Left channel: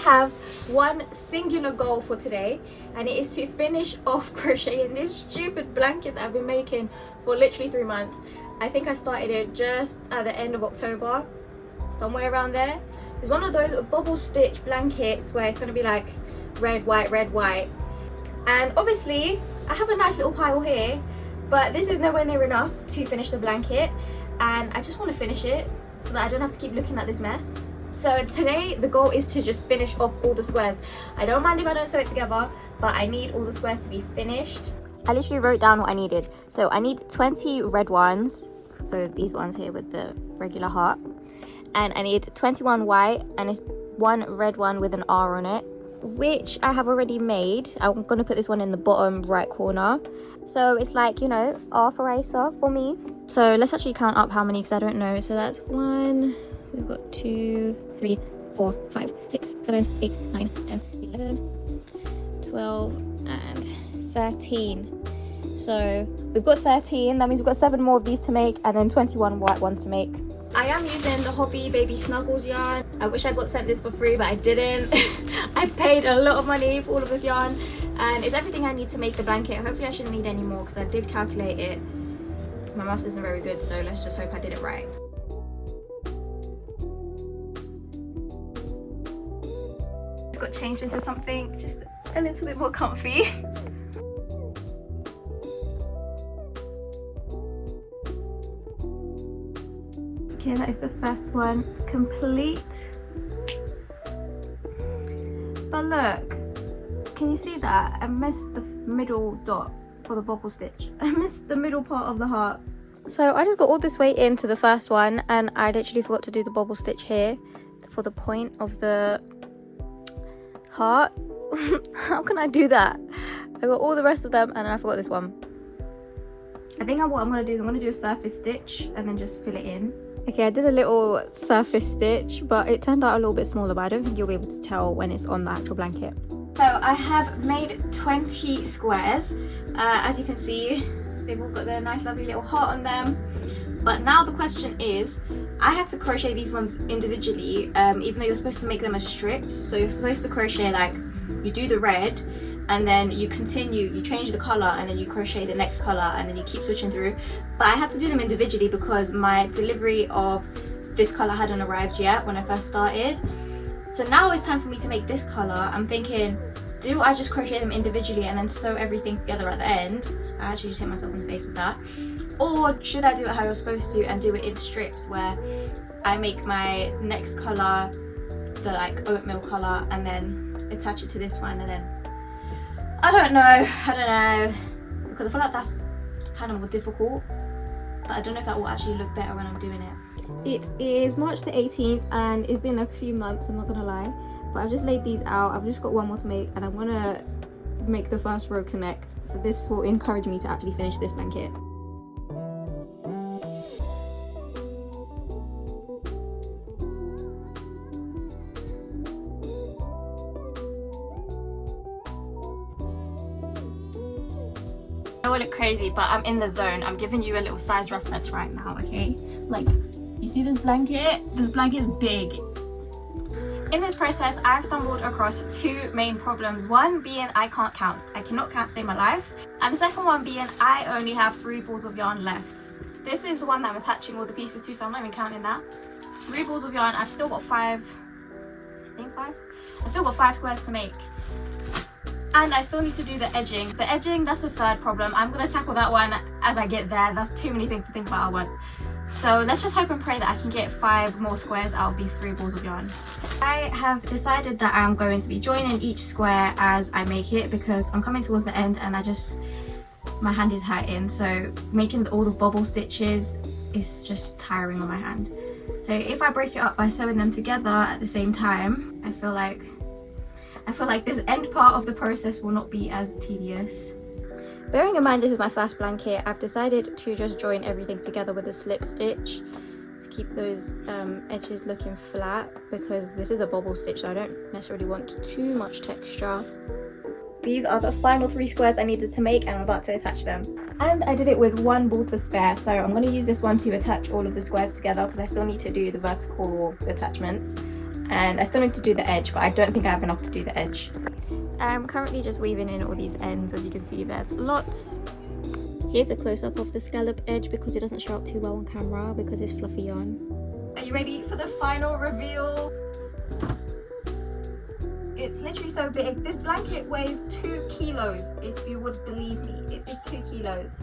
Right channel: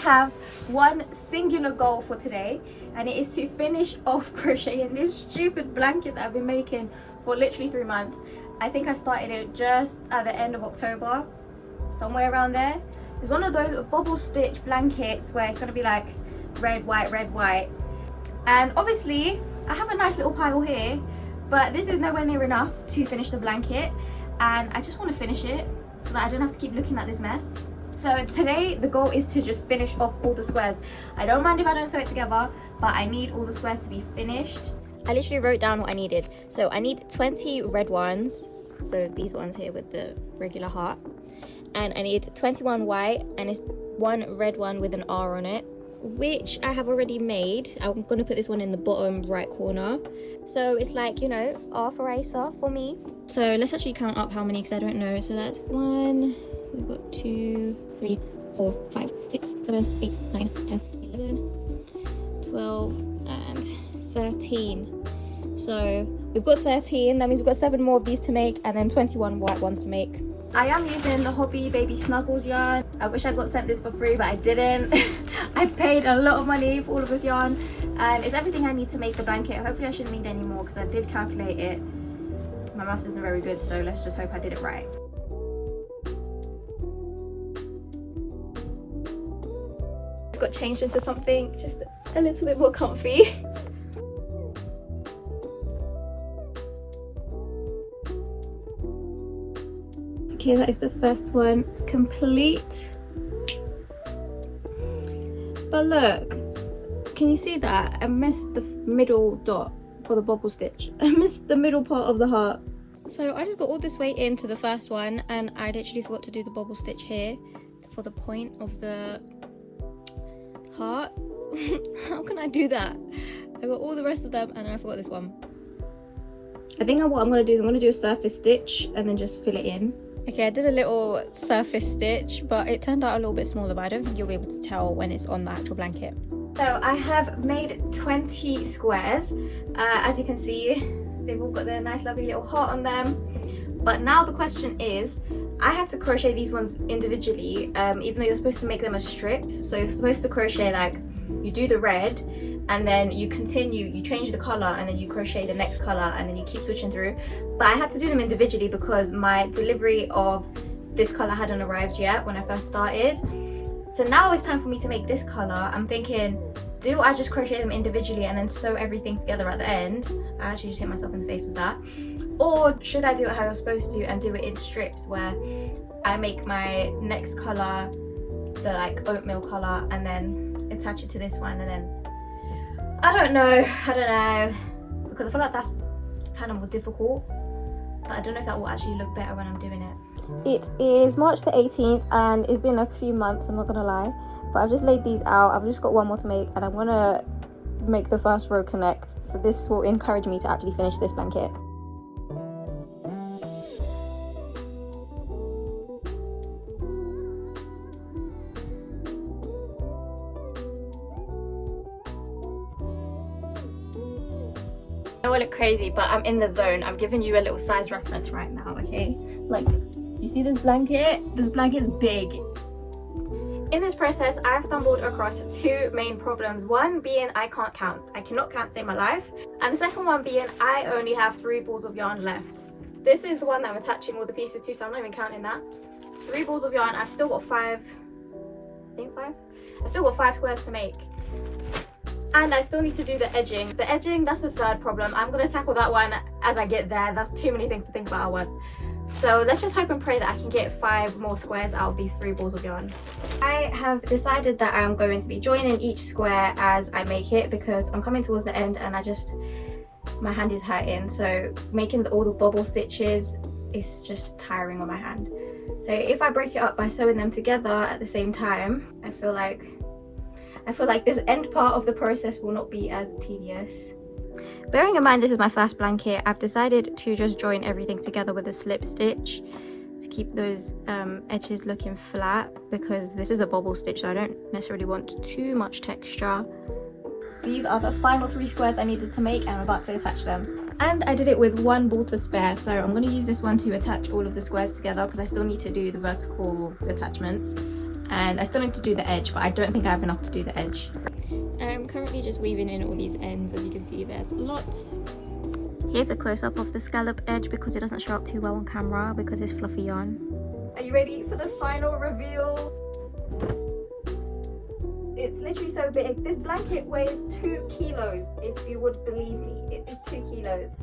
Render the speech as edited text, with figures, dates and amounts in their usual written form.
have one singular goal for today, and it is to finish off crocheting this stupid blanket that I've been making for literally 3 months. I think I started it just at the end of October, somewhere around there. It's one of those bubble stitch blankets where it's going to be like red, white. And obviously I have a nice little pile here, but this is nowhere near enough to finish the blanket, and I just want to finish it so that I don't have to keep looking at this mess. So today the goal is to just finish off all the squares. I don't mind if I don't sew it together, but I need all the squares to be finished. I literally wrote down what I needed. So I need 20 red ones, so these ones here with the regular heart, and I need 21 white, and it's one red one with an R on it, which I have already made. I'm gonna put this one in the bottom right corner, so it's like, you know, R for Acer for me. So let's actually count up how many, because I don't know. So that's 1, we've got 2, 3, 4, 5, 6, 7, 8, 9, 10, 11, 12 and 13. So we've got 13, that means we've got 7 more of these to make, and then 21 white ones to make. I am using the Hobby Baby Snuggles yarn. I wish I got sent this for free, but I didn't. I paid a lot of money for all of this yarn, and it's everything I need to make the blanket. Hopefully I shouldn't need any more, because I did calculate it. My maths isn't very good, so let's just hope I did it right. Just got changed into something just a little bit more comfy. Okay, that is the first one complete. But look, can you see that? I missed the middle dot for the bobble stitch. I missed the middle part of the heart. So I just got all this way into the first one, and I literally forgot to do the bobble stitch here for the point of the heart. How can I do that? I got all the rest of them and I forgot this one. I think what I'm going to do is I'm going to do a surface stitch and then just fill it in. Okay, I did a little surface stitch, but it turned out a little bit smaller, but I don't think you'll be able to tell when it's on the actual blanket. So I have made 20 squares. As you can see, they've all got their nice lovely little heart on them. But now the question is, I had to crochet these ones individually, even though you're supposed to make them as strips. So you're supposed to crochet, like, you do the red, and then you continue, you change the color, and then you crochet the next color, and then you keep switching through. But I had to do them individually because my delivery of this color hadn't arrived yet when I first started. So now it's time for me to make this color. I'm thinking, do I just crochet them individually and then sew everything together at the end? I actually just hit myself in the face with that. Or should I do it how you're supposed to and do it in strips, where I make my next color the like oatmeal color and then attach it to this one, and then I don't know, because I feel like that's kind of more difficult, but I don't know if that will actually look better when I'm doing it. It is March the 18th and it's been a few months, I'm not gonna lie, but I've just laid these out. I've just got one more to make, and I'm gonna make the first row connect, so this will encourage me to actually finish this blanket. I don't look crazy, but I'm in the zone. I'm giving you a little size reference right now, okay? Like, you see this blanket? This blanket is big. In this process, I've stumbled across 2 main problems. One being I can't count. I cannot count to save my life. And the second one being I only have 3 balls of yarn left. This is the one that I'm attaching all the pieces to, so I'm not even counting that. 3 balls of yarn. I've still got 5, I think 5? I've still got 5 squares to make. And I still need to do the edging. The edging, that's the third problem. I'm going to tackle that one as I get there. That's too many things to think about at once. So let's just hope and pray that I can get 5 more squares out of these 3 balls of yarn. I have decided that I'm going to be joining each square as I make it, because I'm coming towards the end and my hand is hurting. So making all the bobble stitches is just tiring on my hand. So if I break it up by sewing them together at the same time, I feel like this end part of the process will not be as tedious. Bearing in mind this is my first blanket, I've decided to just join everything together with a slip stitch to keep those edges looking flat, because this is a bobble stitch, so I don't necessarily want too much texture. These are the final 3 squares I needed to make, and I'm about to attach them. And I did it with 1 ball to spare, so I'm going to use this one to attach all of the squares together, because I still need to do the vertical attachments. and I still need to do the edge, but I don't think I have enough to do the edge. I'm currently just weaving in all these ends. As you can see, there's lots. Here's a close-up of the scallop edge because it doesn't show up too well on camera because it's fluffy yarn. Are you ready for the final reveal? It's literally so big. This blanket weighs 2 kilos, if you would believe me. It is 2 kilos.